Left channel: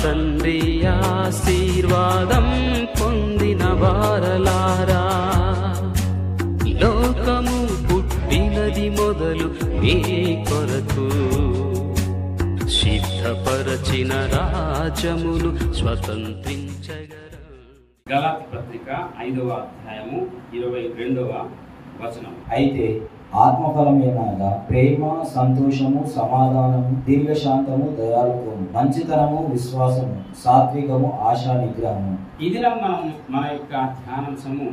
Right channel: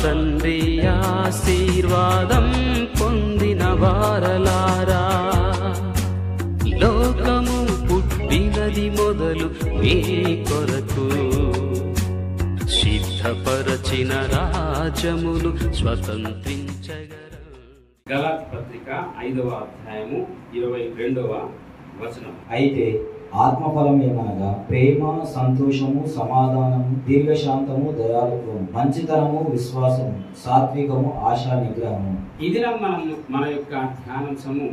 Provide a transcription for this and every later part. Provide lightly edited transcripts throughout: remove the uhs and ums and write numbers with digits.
తండ్రి ఆశీర్వాదం పొందిన వారలారా, లోకము పుట్టినది మొదలు మీ కొరకు సిద్ధపరచిన రాజ్యమును స్వతంత్రించగలరు. గలాతీ పత్రిక 5వ అధ్యాయము 22వ వచనం. అయితే ఆత్మఫలమేమనగా ప్రేమ, సంతోషము, సమాధానము, దీర్ఘశాంతము, దయాళుత్వము, మంచితనము, విశ్వాసము, సాత్వికము, ఆశా నిగ్రహము. ఇది మన యొక్క ధ్యానాంశము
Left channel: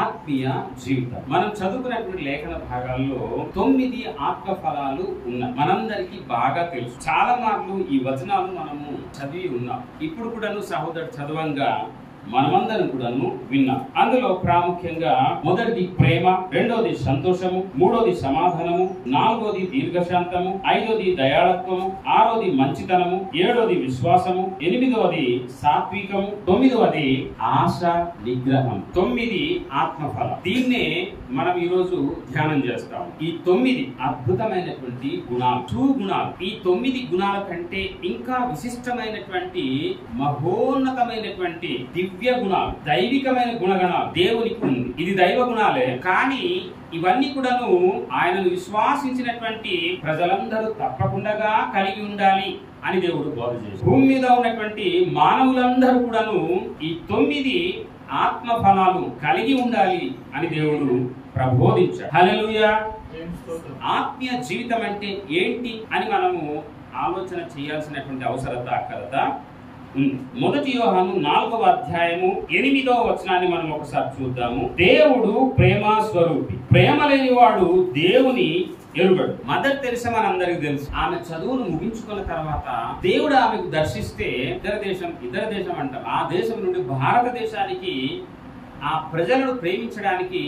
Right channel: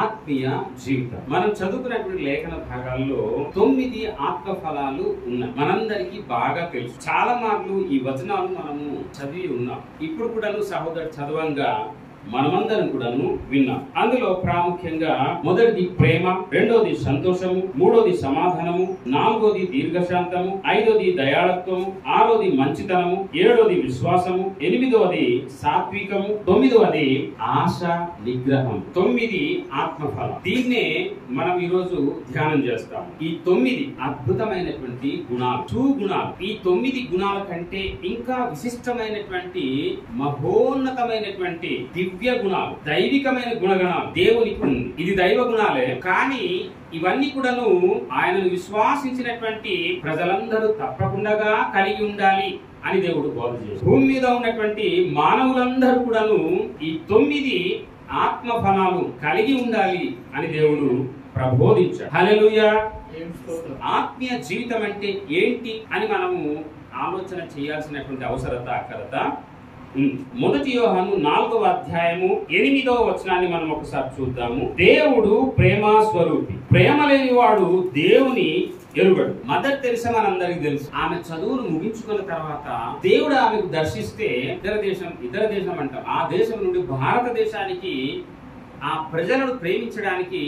ఆత్మీయ జీవితం. మనం చదువుకున్నటువంటి లేఖన భాగాల్లో 9 ఆత్మ ఫలాలు ఉన్నాయి. మనందరికీ బాగా తెలుసు. చాలా మార్లు ఈ వచనాలు మనము చదివి ఉన్నాం. ఇప్పుడు కూడాను సహోదరు చదవంగా మనమందరం కూడాను విన్నాం. అందులో ప్రాముఖ్యంగా మొదటిది ప్రేమ, రెండోది సంతోషము, మూడోది సమాధానము, నాలుగోది దీర్ఘశాంతము, ఐదోది దయాళత్వము, ఆరోది మంచితనము, ఏడోది విశ్వాసము, ఎనిమిదవది సాత్వికము, తొమ్మిదవది ఆశ నిగ్రహం. 9 ఆత్మఫలం. దీన్నే మనం ఈరోజు ధ్యానం చేస్తాం. ఈ 9 అద్భుతమైనటువంటి గుణాలు, గుణాలు. ఈ 9 గుణాల కంటే ఇంకా విశిష్టమైనటువంటి మహోన్నతమైనటువంటి దివ్య గుణాలు, దైవికమైన గుణగణాలు దేవునికి ఉంది. ఇది దైవ గుణాలే, కానీ ఇవన్నీ కూడాను ఆయనను విశ్వాసించినటువంటి ప్రజలందరూ తప్పకుండా కలిగి ఉండాలి అని దేవుడు బోధ చేశాడు. భూమి మీద ఉన్నటువంటి మానవులందరూ కూడాను ఈ 9 ఆత్మ ఫలాలు కలిగి ఉండాలి అని దేవుడు ప్రబోధించాడు. హల్లెలూయా. ఆత్మీయ జీవితం అంటే ఏంటి అని మనము ఆలోచన చేయాల్సినటువంటి అక్కరత ఉంది. మొదటి యోహాను 4వ అధ్యాయము 8వ వచనాన్ని మనం ఒకసారి చూద్దాము. దేవుడు ప్రేమ స్వరూపి, ప్రేమ లేని వాడు దేవుని ఎరుగడు. మదర్ తెరెసా మనందరికి తెలుసు. ఆమె చదువును ముగించుకున్న తర్వాత దేవుడు ఆమెకు దర్శిస్తే ఇతర దేశం అంటాం, ఆ దేశం నుండి భారతదేశానికి ఆ ప్రజలను ప్రేమించడానికి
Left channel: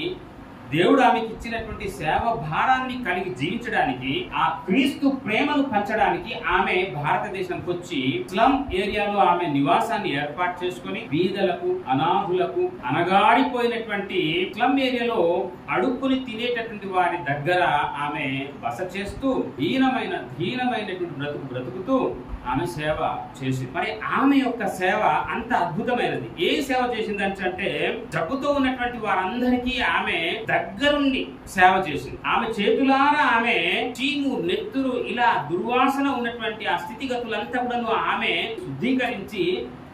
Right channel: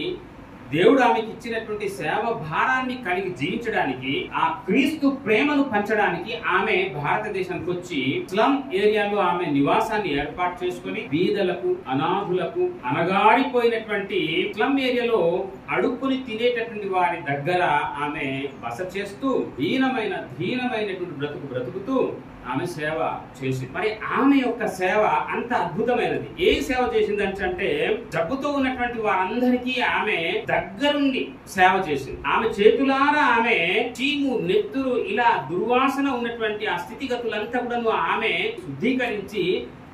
దేవుడు ఆమెకి ఇచ్చినటువంటి సేవ భారాన్ని కలిగి జీవించడానికి, ఆ క్రీస్తు ప్రేమను పంచడానికి ఆమె భారతదేశానికి వచ్చి స్లమ్ ఏరియాలో ఆమె నివాసాన్ని ఏర్పాటు చేసుకుని బీదలకు, అనాథులకు, అనగారిపోయినటువంటి స్లమ్ ఏరియాలో అడుక్కుని తినేటటువంటి వారి దగ్గర ఆమె బస చేస్తూ దీనమైనటువంటి బ్రతుకుతూ ఆమె సేవ చేసింది. మరి ఆమె యొక్క సేవ అంత అద్భుతమైనది. ఏ సేవ చేసిందంటే జబ్బుతో ఉన్నటువంటి వారందరికీ ఆమె దగ్గరుండి సేవ చేసింది. ఆమె చేతులారా ఆమె చీము, నెత్తురు, ఇలా దుర్వాసన ఉన్నటువంటి ఆ స్థితిగతులంతా కూడా ఆమె శుద్ధీకరించి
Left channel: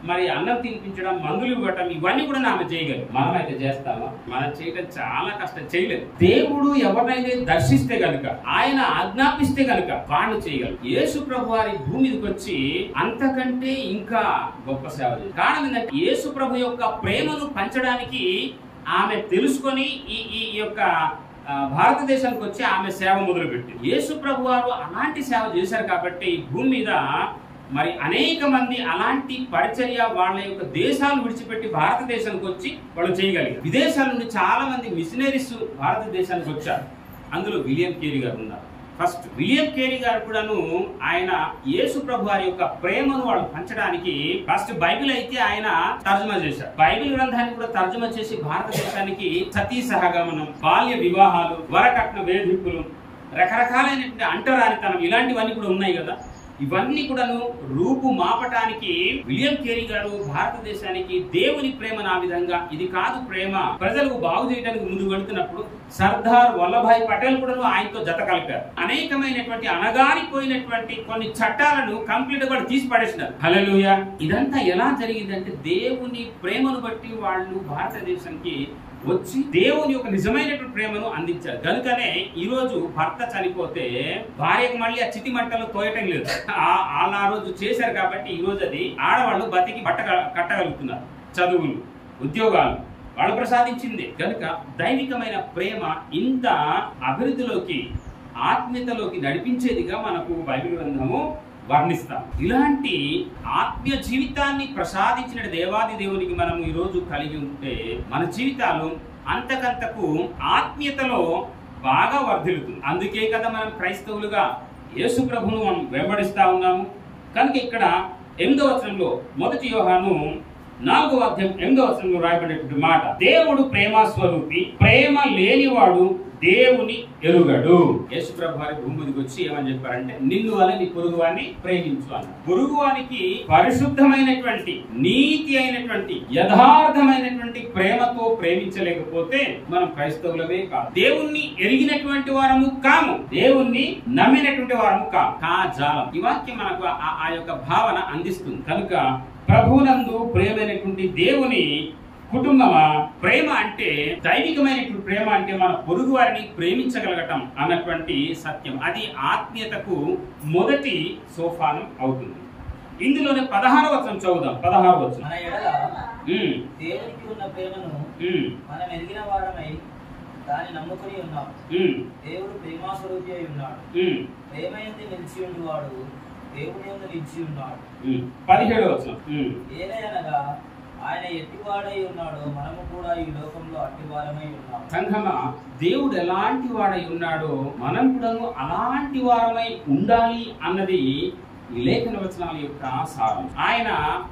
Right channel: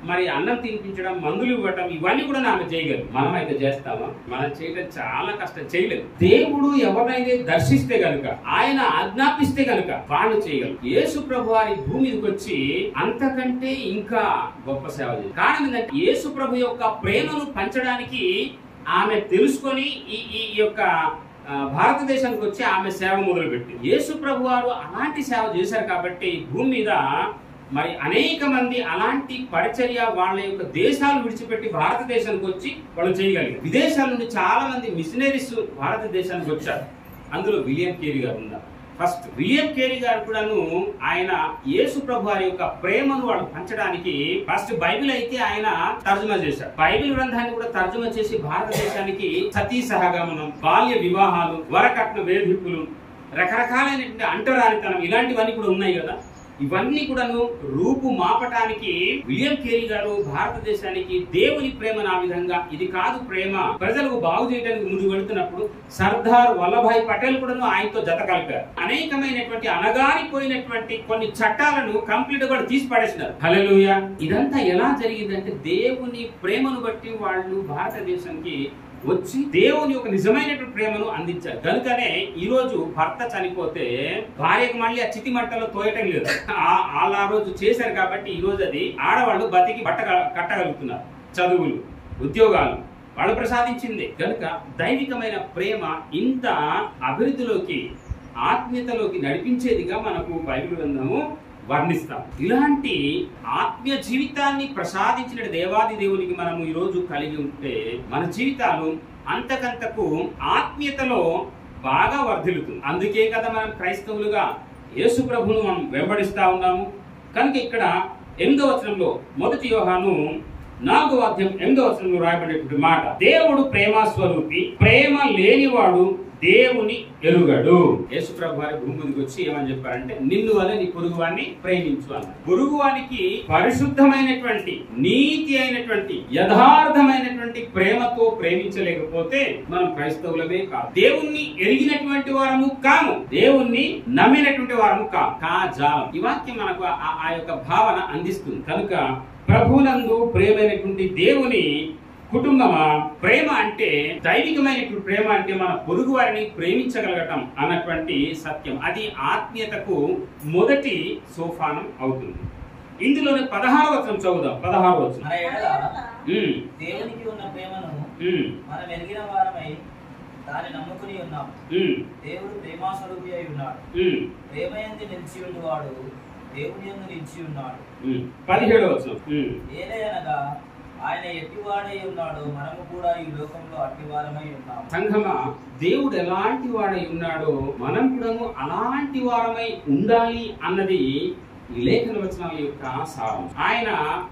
మరి అన్నం తినిపించడం, మందులు ఇవ్వటం, ఇవన్నీ కూడా ఆమె చేయగలరు. మనమైతే చేస్తామా? మనం చేయడం చాలా కష్టం, చేయలేదు. దేవుడు ఎవరినైతే దర్శిస్తే గనుక, ఆయన ఆజ్ఞాపిస్తే గనుక వాళ్ళు చేయగలరు. యేసు ప్రభు వారి భూమి మీదకి వచ్చి అంతకంటే ఇంకా గొప్ప సేవ చేయాలి. కారణం ఏంటంటే యేసు ప్రభు యొక్క ప్రేమను పంచడానికి ఆమె తెలుసుకొని ఈ యొక్క భారతదేశానికి వచ్చి ఆమె సేవ మొదలుపెట్టింది. యేసు ప్రభు వారు అలాంటి సేవ చేశారు కాబట్టి భూమి మీద మరి అనేక మంది అలాంటి పరిచర్య వాళ్ళ యొక్క దేశాలు విడిచిపెట్టి భారతదేశానికి వచ్చి వాళ్ళు చేయగలిగారు. విదేశాల నుండి చాలా మంది మిషనరీస్ భారతదేశానికి వచ్చారు. అందులో విలియం కేరీ గారు ఉన్నారు. ఫస్ట్ విలియం కేరీ గారు కూడాను ఆయన యేసు ప్రభు వారి యొక్క ప్రేమను వాళ్ళు పంచడానికి ఫస్ట్ బైబిల్ అయితే ఆయన తర్జుమా చేశారు. బైబిల్ గ్రంథాన్ని కూడా తర్జుమా చేసి భారతదేశానికి సతీ సహగమనం, బాల్య వివాహాలు, వరకట్న వేధింపులు, రకరకాలైనటువంటి అంటరానితనం, ఇలాంటివన్నీ కూడా ఉన్నాయి కదా. ఇవన్నీ కూడాను రూపు మాపటానికి విలియం కేరీ గారు భారతదేశానికి దేవుని ప్రేమను ఆ విధంగా, ఇది కాదు ప్రేమ, ప్రజలకు బాగు చేయడానికి ముందు వెళుతున్నప్పుడు సర్దార్ వల్లభాయ్ పటేల్ కూడాను ఆయనతో జత కలిపారు. అనేకమైనటువంటి అనగారిపోయినటువంటి కొన్ని చట్టాలను కంప్లీట్ గా తీసి పడేసినారు. హల్లెలూయా. ఇదంతా ఎలా జరిగిందంటే దేవుని ప్రేమను బట్టి వాళ్ళు భారతదేశానికి వచ్చి దేవుని యొక్క నిజమైనటువంటి ప్రేమను అందించారు. కనుకనే ఈ రోజు భర్త చనిపోతే భార్యకు మళ్ళీ ఆ చితి మంటలో తోయటం లేదు. వాళ్ళు ఆ రోజు చేశారు కాబట్టి ఈ రోజు అది ఆడవాళ్ళు బతికి బట్ట కట్టగలుగుతున్నారు. చదువులు, ఉద్యోగాలు వాళ్ళు ప్రసాదించింది. కనుక దైవికమైన ప్రేమ ఇంత అభివృద్ధిలోకి, ఆత్మీయతలోకి నడిపించేదిగా మనకు బైబిల్ గ్రంథము వర్ణిస్తాం. ఇలాంటి ఆత్మీయ జీవితాన్ని ప్రసాదించిన దేవాది దేవునికి మనము ఈ రోజు కలిగి ఉంటే మన జీవితాలు అంతకంతకు ఆత్మీయతలో బాగా వర్ధిల్లుతుంది. అందుకే కదా మనం క్రైస్తవులుగా యేసు ప్రభువును మనం వెంబడిస్తా ఉన్నాము. కనుక ఇక్కడ 8వ వచనంలో, మొదటి యోహాను 4వ అధ్యాయం 8వ వచనంలో రాయబడినటువంటి మాట, దేవుడు ప్రేమ స్వరూపి, ప్రేమ లేనివాడు దేవుని ఎరుగడు. యేసు ప్రభు వారి భూమి మీదకి వచ్చి ఏమని చెప్పారంటే, నిన్ను వలె నీ పొరుగువాన్ని ప్రేమించు అన్నారు. పొరుగువానికి పరిశుద్ధమైనటువంటి, నీతి అయినటువంటి, యథార్థమైనటువంటి ప్రేమతో ప్రేమించలేకపోతే మనం క్రైస్తవులమే కాదు, దేవుణ్ణి ఎరిగినటువంటి వారము కాము, దేవుణ్ణి నమ్మినటువంటి వారము కాము. కాజాలం. ఈ వాక్యం మనకు ఆ యొక్క భావన అందిస్తుంది. కనుక ప్రభునందు ప్రేమైనటువంటి దేవుని కుటుంబమా, ప్రేమ అంటే దైవికమైనటువంటి ప్రేమ అంటే మన పొరుగు వారిని ప్రేమించగలగటం అన్నటువంటి సత్యం. అది ఆత్మీయతకు మొదటి సోపానం అవుతుంది. ఇందులోనే 16వ వచనం చదువుదాం. 16వ వచనం. మన ఎడల దేవునికి ఉన్న ప్రేమను మనం ఎరిగిన వారమై దాన్ని నమ్ముకుని ఉన్నాం. దేవుడు ప్రేమాస్వరూపి అయి ఉన్నాడు. ప్రేమయందు నిలిచి ఉన్నవాడు దేవుని యందు నిలిచి ఉన్నాడు. 17వ వచనం. ఏలయనగా ఆయన ఎట్టివాడై ఉన్నాడు, మనము కూడా ఈ లోకంలో అట్టివారమై ఉన్నాం. సంఘమా, దేవుడు ఎలాంటి వాడై ఉన్నాడో మనం కూడా అలాంటి వారమై ఉండాలి అన్నది ఈ లేఖన వచనాల యొక్క సారం. ఆయన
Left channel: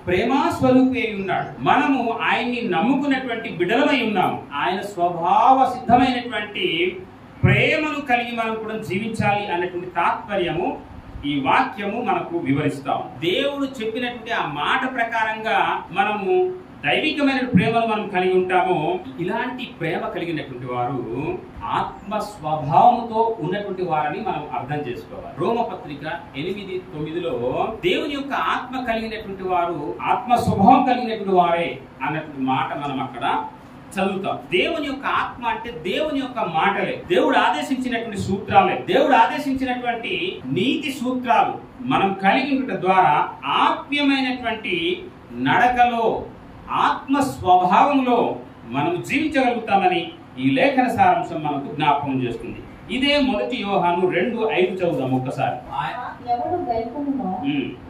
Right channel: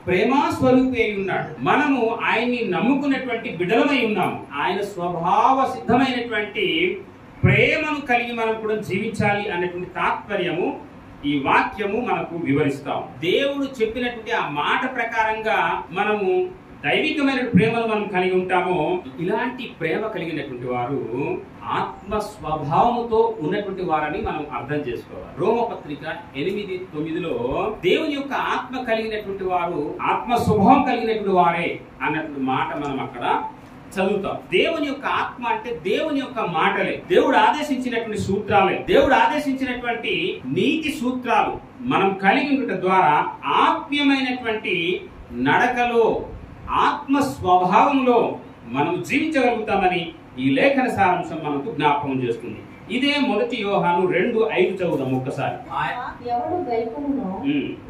ప్రేమా స్వరూపి అయి ఉన్నాడు. మనము ఆయన్ని నమ్ముకున్నటువంటి బిడ్డలమై ఉన్నాము. ఆయన స్వభావ సిద్ధమైనటువంటి ప్రేమను కలిగి మనం కూడా జీవించాలి అన్నటువంటి తాత్పర్యము ఈ వాక్యము మనకు వివరిస్తాం. దేవుడు చెప్పినటువంటి ఆ మాట ప్రకారంగా మనము దైవికమైన ప్రేమను మనం కలిగి ఉంటాము. ఇలాంటి ప్రేమ కలిగినటువంటి వారు ఆత్మ స్వభావముతో ఉన్నటువంటి వారని మనం అర్థం చేసుకోవాలి. రోమపత్రిక 8:9లో దేవుని యొక్క ఆత్మ కలిగినటువంటి వారు ఆత్మ స్వభావం కలిగినటువంటి వారే అన్నటువంటి మాట మనం అక్కడ చదువుతాం. దేవుని యొక్క ఆత్మ అంటే దేవుని యొక్క మాటలే, దేవుడు ఆదేశించినటువంటి సూత్రాలే, దేవుడు ఆదేశించినటువంటి నీతి సూత్రాలు మనం కలిగి ఉండటం ద్వారా ఆత్మీయమైనటువంటి నడకలో, ఆత్మ స్వభావంలో మనం జీవించగలుగుతామని ఈ లేఖన సారాంశం మనకు జ్ఞాపకం చేస్తుంది. ఇదే 1 యోహాను 2:5 చదువుదాం ఒక్కసారి. ఎవడు గైకొనునో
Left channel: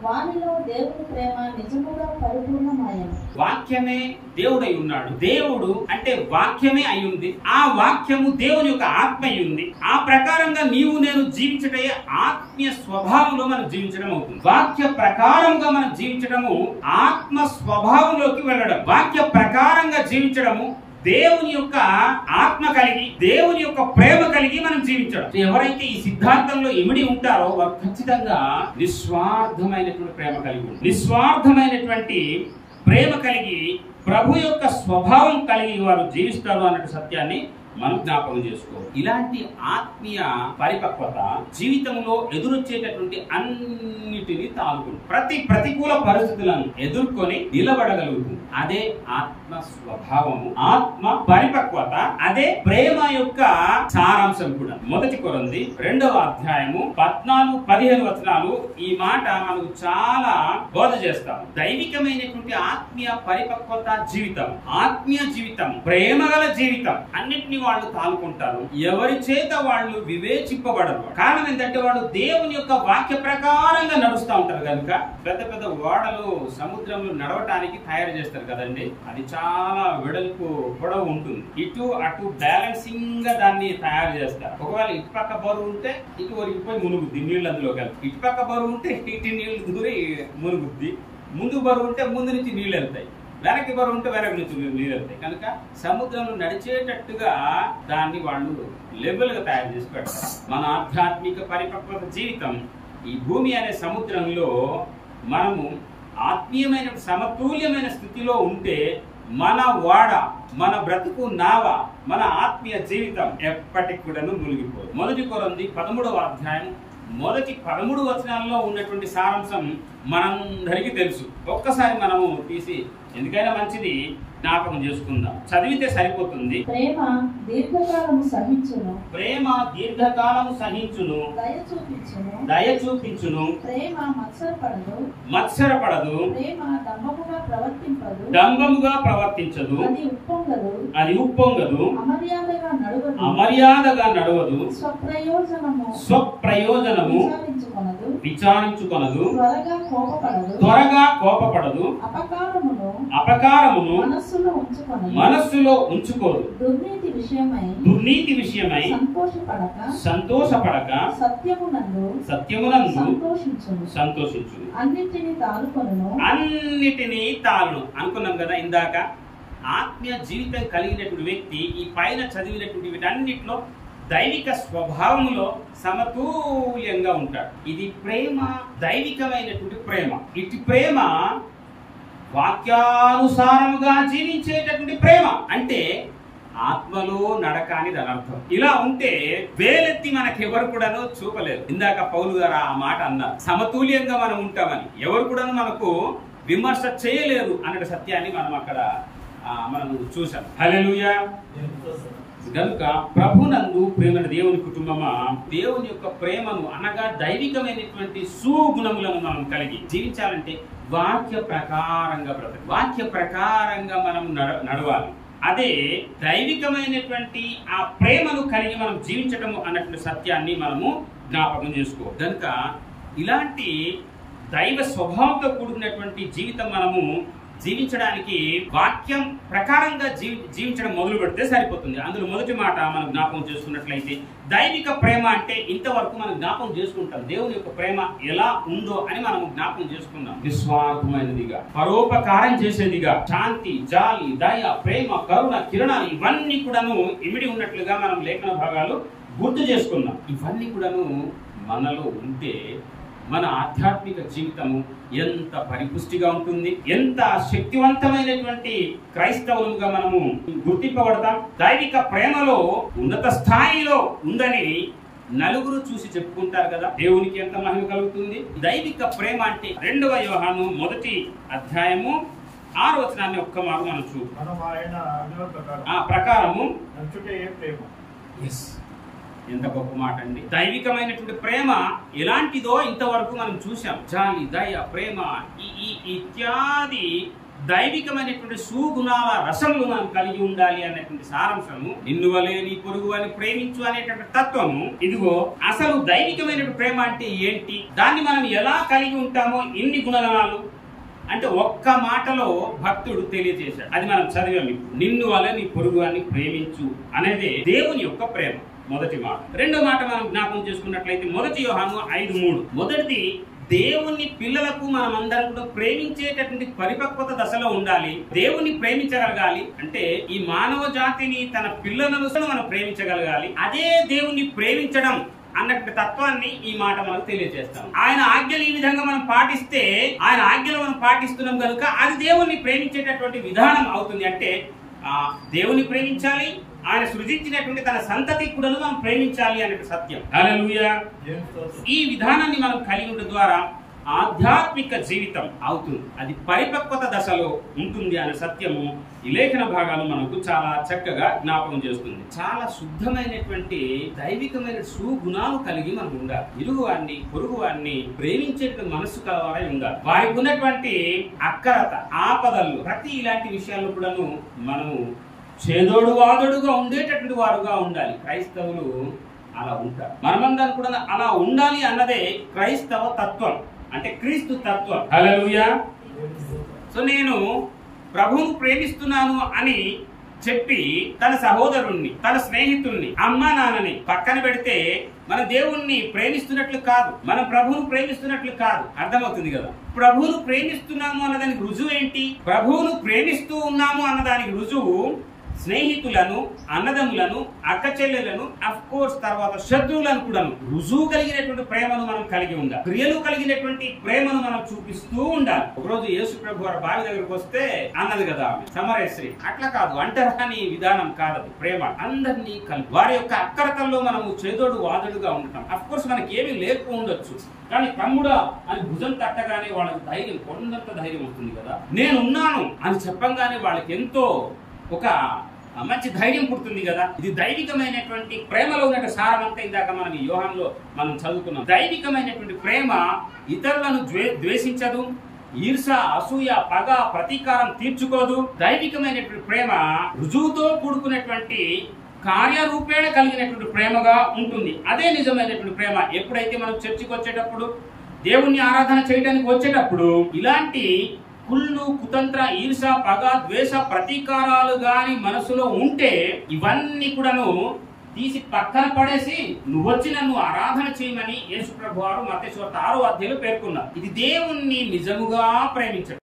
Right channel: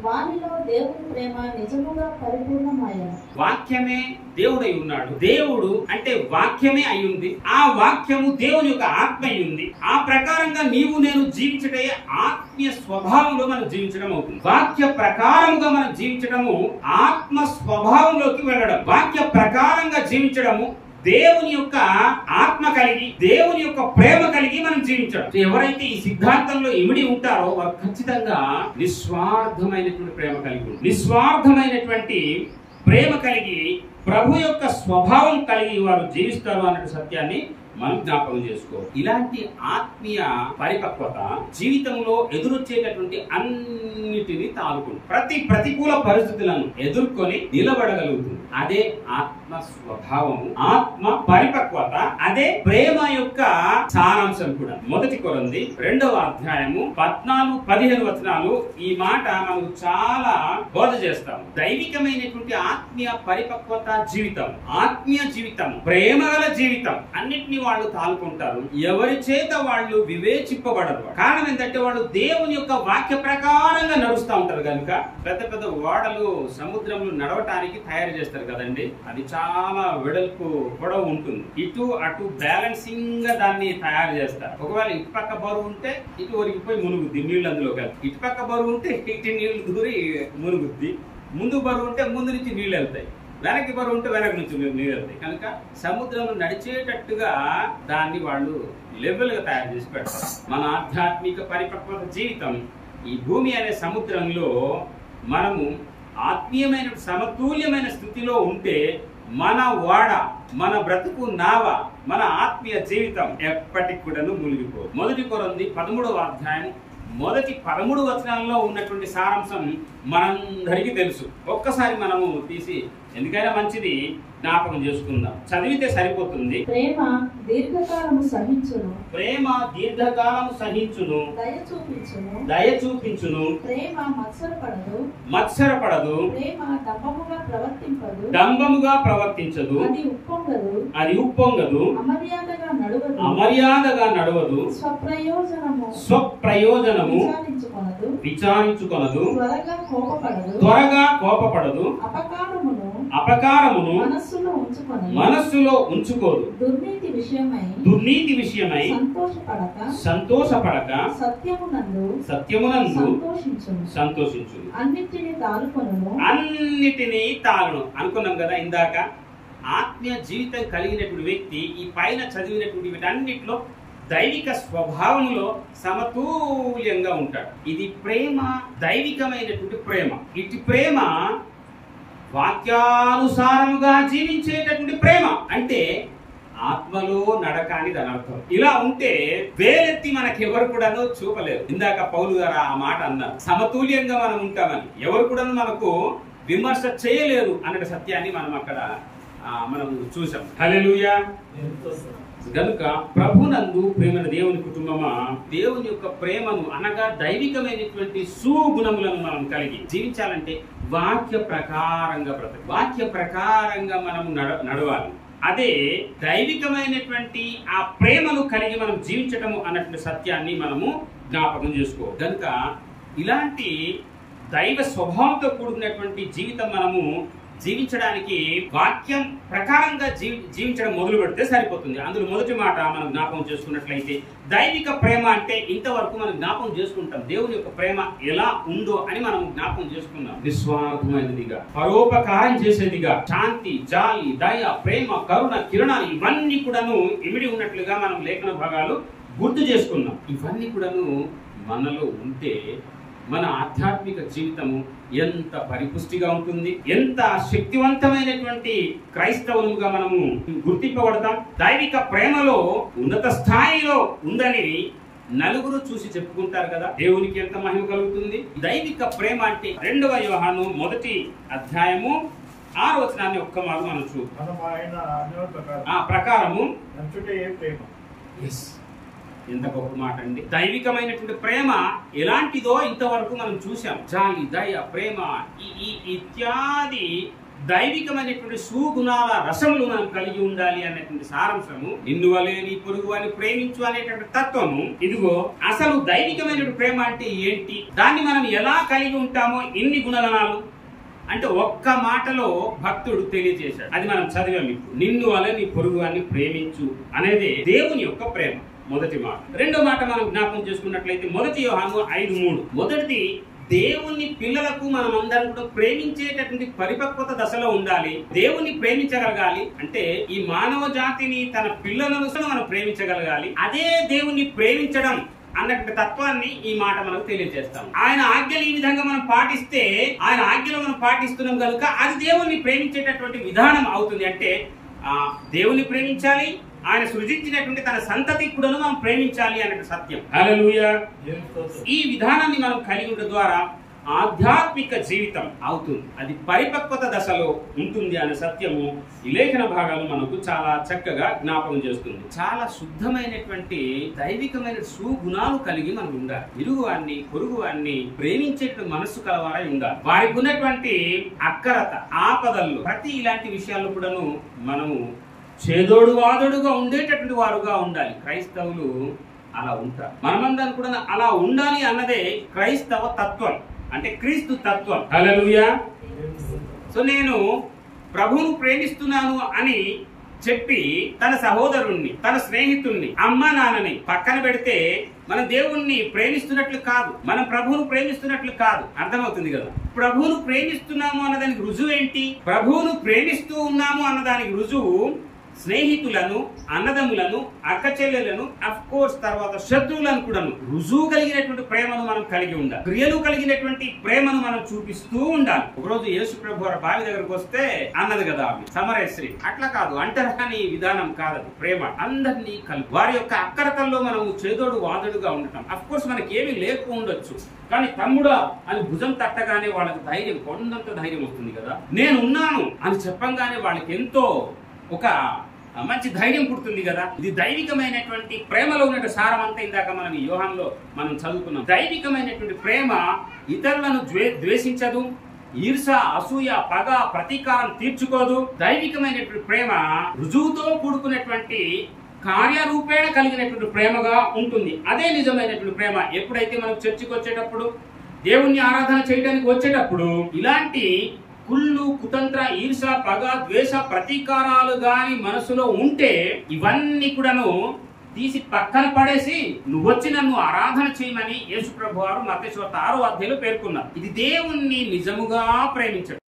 వానిలో దేవుని ప్రేమ నిజముగా పరిపూర్ణమయ్యను. వాక్యమే దేవుడై ఉన్నాడు. దేవుడు అంటే వాక్యమే అయి ఉంది. ఆ వాక్యము దేవుని యొక్క ఆత్మ అయి ఉంది. ఆ ప్రకారంగా నీవు నేను జీవించటే ఆత్మీయ స్వభావంలో మనం జీవించడం అవుతుంది. వాక్య ప్రకారముగా మనం జీవించడము ఆత్మ స్వభావంలోకి వెళ్ళడం. వాక్య ప్రకారంగా జీవించడము దేవుని యొక్క ఆత్మ కలిగి, దేవుని యొక్క ప్రేమ కలిగి మనం జీవించడం. ఎవరైతే ఈ సిద్ధాంతంలో ఇమిడి ఉంటారో వారు ఖచ్చితంగా నిస్వార్థమైనటువంటి ప్రేమ కలిగి ఉంటారు. నిస్వార్థమైనటువంటి ప్రేమ కలిగి ప్రభు యొక్క స్వభావం కలిగి వారు జీవిస్తారు అన్నట్టు సత్యాన్ని మనం జ్ఞాపకం చేసుకోవాలి. ఇలాంటి ఆత్మీయ పరిపక్వత జీవితంలో ఎదురొచ్చేటటువంటి అన్నిటిని తాలుకుంటుంది. ప్రతి ప్రతికూల పరిస్థితులను ఎదుర్కొని నిలబడగలుగుతుంది. అదే ఆత్మ స్వభావము, ఆత్మ పరిపక్వత, అదే ప్రేమ యొక్క సారాంశం కూడా. 1 కొరింథీ 2వ అధ్యాయము 14-15 వచనాలు ఈ మాట మనకు చాలా బోధ చేస్తాం. దైవికమైనటువంటి ఆత్మీయ పరిపక్వత జీవితం, ఆత్మీయ జీవితం, ప్రేమగల జీవితం అన్నిటిని వాళ్ళు తాలుకుంటారు. ఎవరి చేత వాళ్ళు వివేచింపబడరు. కారణం ఏంటంటే వాళ్ళు దేవుని యొక్క వాక్య ప్రకారంగా నడుస్తూ ఉంటారు కనుక. పెద్ద పెద్ద ఓడలు సముద్రంలో నడవటానికి తయారు చేస్తారు కదండి. అది చాలా వెడల్పు పొడవు ఉంటుంది. ఇటు అటు బ్యాలెన్సింగ్ గా దాన్ని తయారు చేస్తారు. ఒకవేళ ఇటు పక్క బరువు ఉంటే ఇటు ఒరిగిపోయి మునుగుద్ది, నీళ్ళు అందులోకి వెళ్తాయి. ఇటు పక్క బరువు ఉంటే ఇటు నీళ్లు దూరి మునుగుద్ది. ముందు బరువు ఉంటే ముందు నుంచి నీళ్ళు వెళ్తాయి, వెనక్కి బరువు ఉంటే వెనక నుంచి నీళ్ళు వెళ్తాయి. కనుక సముద్రంలో నడిచేటట్టుగా దాన్ని వాళ్ళు లెవెల్ గా తయారు చేసి పెడతారు. మన ఆధ్యాత్మిక పరిపక్వత జీవితం ఈ భూమి అనే సముద్రంలో మనము ఆత్మీయమైన సమతుల్యమైన స్థితిలో ఉంటే మన వాడ, మన బ్రతుకు నావ, మన ఆత్మీయ జీవితం ఎప్పటికి కూడా మునిగిపోదు. 1 కొరింథీ 13వ అధ్యాయం మొదటి 13 వచనాల్లో ఉన్నటువంటి సారాంశం మనందరికీ తెలుసు. ఒక్కసారి మనము తీసి ఎందుకైనా మంచిది జ్ఞాపకం చేసుకుందాం. చదివితే సరిపోతుంది. ప్రేమ దీర్ఘకాలము సహించును, ప్రేమ దీర్ఘకాలము సహించును, దయ చూపించును, ప్రేమ మత్సరపడదు, ప్రేమ డంబముగా ప్రవర్తించదు, అది ఉప్పొంగదు, అమర్యాదగా నడవదు, స్వప్రయోజనము విచారించుకొనదు, త్వరగా కోపపడదు, అపకారమును మనస్సులో ఉంచుకోదు, దుర్నీతి విషయమై సంతోషపడక సత్యమునందు సంతోషించు. అన్నిటినీ తాళును అనుకున్నాం కదా ఇందాక. ఆత్మీయ జీవితం కలిగినటువంటి వ్యక్తి ఈ పైన చదివినటువంటి వీటన్నిటిలో దైవిక స్వభావంలో సమతుల్యంగా ఉంటాడు. ఇది ప్రేమ, దైవికమైనటువంటి ప్రేమ. ఇటు ప్రేమ వాక్యానుసారముగా జీవించేటటువంటి ప్రేమ, అంటే ఆత్మలో నడక అని దాని అర్థం. ఇలా ఉంటే వేలెత్తి మనకెవరు కూడాను చూపలేరు. ఇందాక పౌలు గారు ఆ మాట అన్నారు, సమతుల్యంగా మనం ఉంటామని. ఎవరు కూడా మనకు విమర్శ చేయలేరు అనే సత్యాన్ని మనం అక్కడ మనం చూసాం. హల్లెలూయా. గనుక ప్రభునందు ప్రేమైన దేవుని కుటుంబమా, దేవుని యొక్క ప్రేమను అనగా దైవికమైనటువంటి సుగుణములను మనం కలిగి జీవించాలంటే వాక్య ప్రకారంగా బ్రతకాలి, వాక్య ప్రకారంగా మనం నడవాలి. అదే దైవికమైనటువంటి ఆ ప్రేమను కలిగి మనం జీవించటం అన్నటువంటి సత్యాన్ని మనము జ్ఞాపకం చేసుకోవాలి. కనుక ఇలాంటి దైవ స్వభావంతో కూడుకున్నటువంటి జీవితం మనము జీవించడానికి వాక్యం ప్రకారంగా జీవించడం మొదలు పెడితే సరిపోతుంది. అందులో మొదటి మాట మనం జ్ఞాపకం చేసుకున్నట్లయితే దైవిక ప్రేమ అంటే ఇంతవరకు మనం జ్ఞాపకం చేసుకుంటాం దేవుని యొక్క ప్రేమ ఎలా ఉందో అని మనం జ్ఞాపకం చేసుకున్నాం. నిస్వార్థమైనదిగా, పరోపకారం చేసేదిగా, శాంతి, జాలి, దయ, ప్రేమ, కరుణ, కిరణాలు ఇవన్నీ కూడాను ఇమిడి ఉన్నట్లుగా మనం లేఖన భాగాలు గుర్తు చేసుకున్నాం. ఇవన్నీ కూడాను మనలో ఉంటే మన ఆధ్యాత్మిక జీవితము ఎంత పరిపుష్టిగా ఉంటుంది, ఎంత శక్తివంతమైనటువంటి క్రైస్తవులుగా మనము గుర్తింపబడతాం. దైవిక ప్రేమలో ఉన్నత స్థాయిలో ఉందని నలుగురు చూసి చెప్పుకుంటారు కదా, దేవునికి ఎంత మహిమ కలుగుతుంది. దైవిక ప్రేమ అంటే 2వ యోహాను 1వ అధ్యాయము 6వ వచనాన్ని ఒక్క మారు మనం ప్రకారము ఎంత గొప్ప మాట అండి. దైవికమైనటువంటి ప్రేమ ఎలాంటిదో ఇంతవరకు మనం చూసాం. జాలి, దయ, ప్రేమ ఇత్యాది దైవికమైనటువంటి సుగుణాల రసములు మనం కలిగి ఉండాలి అనేటువంటి సారాంశము. నిన్ను వలె నీ పొరుగు అని ప్రేమించు అనేటువంటి తత్వము. ఇదిగో అసలు దైవికమైనటువంటి ప్రేమ అంటే ఏంటి, దాన్ని మనం ఎలా కలిగి ఉంటామో, ఇన్ని గుణగణాలు అంటే ఒక్క మాటలో భక్తుడు తెలియజేశాడు. అది మనం చదివాం ఇప్పుడు. నిన్ను వలె నీ పొరుగు అని ప్రేమించు అనేది దేవుని యొక్క ప్రేమ, మొదటి మాట. రెండో మాట మనం జ్ఞాపకం చేసుకున్నట్లయితే 1 యోహాను 5:3. మొదటిది, దేవుని పిల్లలకు మనం అందరం కూడా ప్రేమించేటటువంటి పరిపక్వత దశలో ఉండాలి. దేవుని ప్రేమించగలగాలి అంటే ఈ మానవ జాతిని, తన పిల్లలను మనం ప్రేమించగలగాలి. అదే దేవుని ప్రేమించడం అన్నటువంటి తత్వాన్ని ఈ మాట మనకు తెలియజేస్తాం. ఆయన ఆజ్ఞలు ఈ విధంగా మనం పాటిస్తే, ఆయన ఆజ్ఞలు మనం పాటిస్తున్నాం కనుక అది దేవుణ్ణి ప్రేమించేటటువంటి విధానం అవుతుంది. అంటే దేవుని ప్రేమించాలి, ఆయన సృజించినటువంటి తన సంతతి కూడా మనం ప్రేమించాలి అనే సత్యం. హల్లెలూయా. ఈ విధానాన్ని మనం కలిగి ఉండడం ద్వారా ఆధ్యాత్మిక జీవితం అవుతుంది, అది పరిపక్వత దశలో ఉంటుంది అనే సత్యము ఈ లేఖన భాగాలు మనకు చాలా చక్కగా జ్ఞాపకం చేస్తుంది. చాలా శుద్ధమైనటువంటి దైవికమైన సుగుణాలు కలిగి మనం ఉండాలి. ఇరుగువాన్ని, పొరుగువాన్ని ప్రేమించేటువంటి మనస్సు కలవారై ఉండాలి. వారికి ఉన్నటువంటి అక్కరత, ఆపదల్లో, ప్రతి ఇలాంటి విషయాల్లో కూడాను మనము చేదోడు వాదోడుగా ఉండేటటువంటి వారుగా ఉండాలి. క్రైస్తవులు అలా ఉంటారు. మనమందరం కూడా అలా ఉండాలి అన్నదే క్రైస్తవ తత్వం, అంటే క్రీస్తు తత్వం. హల్లెలూయా. సో నేను ప్రభువును ప్రేమిస్తున్నాను అని చెప్పి తన సహోదరుణ్ణి, తన స్నేహితుల్ని, అమ్మా నాన్నని పక్కన పెడితే మన దేవుణ్ణి ప్రేమిస్తున్నట్లు కాదు, మనం ప్రభువును ప్రేమిస్తున్నట్లు కాదు. అర్థమవుతుంది కదా. ప్రభువును ప్రేమిస్తున్నాము అన్నదానికి రుజువు ఏంటి? ప్రభువును ప్రేమిస్తూ ఉన్నాము అన్నదానికి రుజువు స్నేహితులను, అన్నదమ్ములను, అక్క చెల్లెలను, అఫ్ కోర్స్ తర్వాత శత్రువులను కూడా రుజువు కలిగినటువంటి ప్రేమను మనం కలిగి ఉండాలి. క్రియలు కలిగినటువంటి ప్రేమను మనం చూపిస్తూ ఉండాలి. ఒకరోజు యేసు ప్రభు వారి బావి దగ్గరకు వస్తే అన్నది కదా ఆమె, సమరశ్రీ. అట్లా కాదు, అంటరాని విధానం కాదది. ప్రేమ అందరినీ కలిపి వారి యొక్క అక్కరతల్లో మనము చేదోడు వాదోడుగా ఉండటం. అఫ్ కోర్స్ మనకి ఏమీ లేకపోవచ్చు, కానీ తమ్ముడా అని భుజం తట్టగానే వాళ్ళకి ధైర్యం, కొండంత ధైర్యం వస్తుంది కదా. నేనున్నాను అని చెప్పంగానే వాళ్ళకి ఎంతో ఒక మంచి ధైర్యం పుడుతుంది కదా. ఇది దైవికమైనటువంటి ప్రేమలో ఉన్న సారం అంతా ఇందాక మనం ఈ యోహానులో మనం చదువుకున్నాం. దైవికమైనటువంటి ప్రేమ ఇతరులను ద్వేషించదు, ఈర్ష, అసూయ, పగ, ప్రతీకారం తీర్చుకోదు. దైవికమైనటువంటి ప్రేమ రుజువుతో కూడుకున్నటువంటి కార్యరూపేణ కలిగినటువంటి ప్రేమగా ఉంటుంది. అదే నిజమైనటువంటి ప్రేమ. ఎప్పుడైతే మనం చర్చికి వచ్చేటప్పుడు, దేవుణ్ణి ఆరాధన చేయడానికి వచ్చేటప్పుడు ఇలాంటి కుళ్ళు, కుతంత్ర, ఈర్ష, పగ, ద్వేష, ప్రతీకారాలు గాని మనసులో ఉంటే ఇవన్నీ కూడాను తీసి పక్కన పడేసి నువ్వొచ్చి నన్ను ఆరాధన చేయమని యేసు ప్రభు వారు మత్తయి 6వ అధ్యాయంలో పేర్కొన్నారు. ఇది దేవుణ్ణి నిజముగా ప్రేమించడం.